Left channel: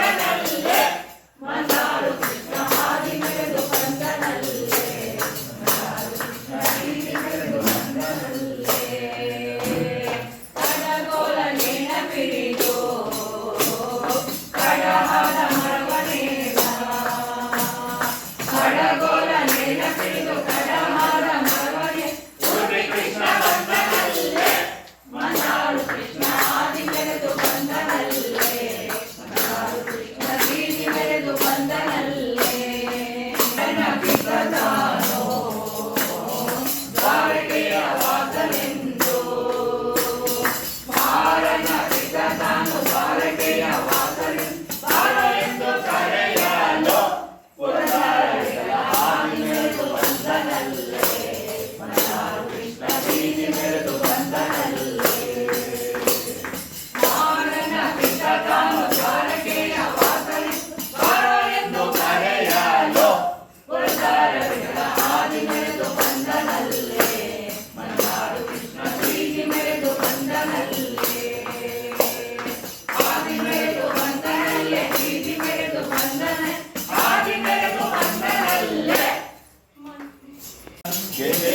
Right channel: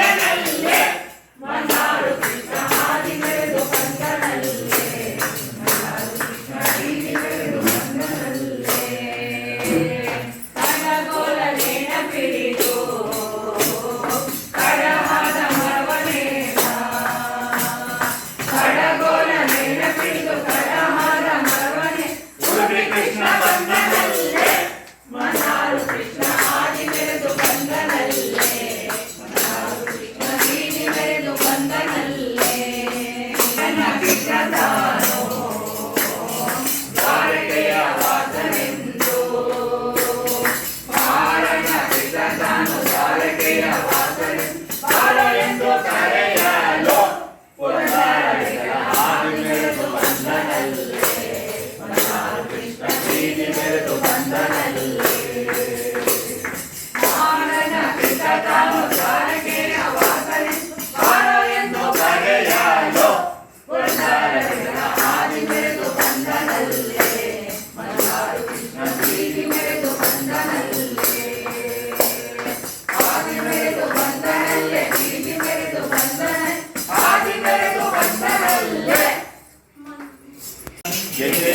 Amen. Yeah.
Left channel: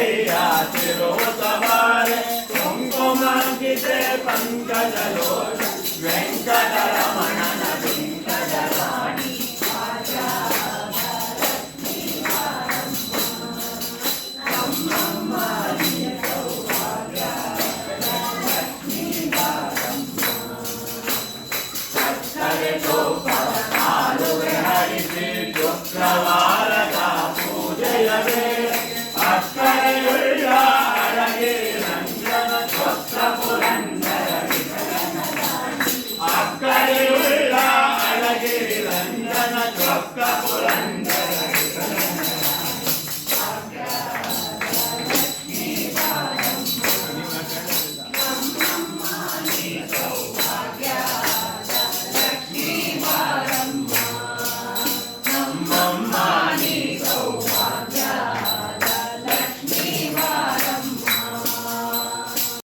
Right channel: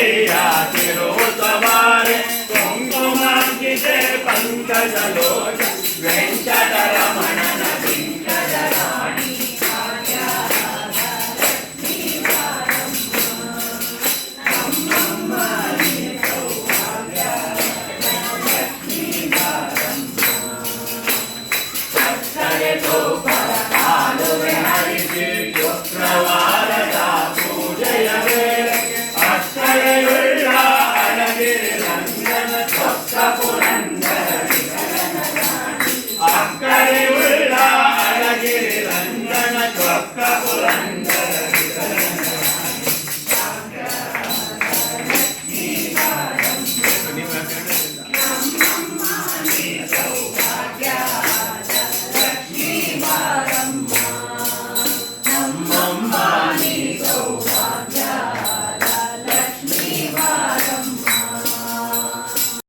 కన్నయ్యా తిరుమలవారి కుంకుమాంకితే పంకజలో Venkataramana Go, Father, Father, Father, Father, Father, Father,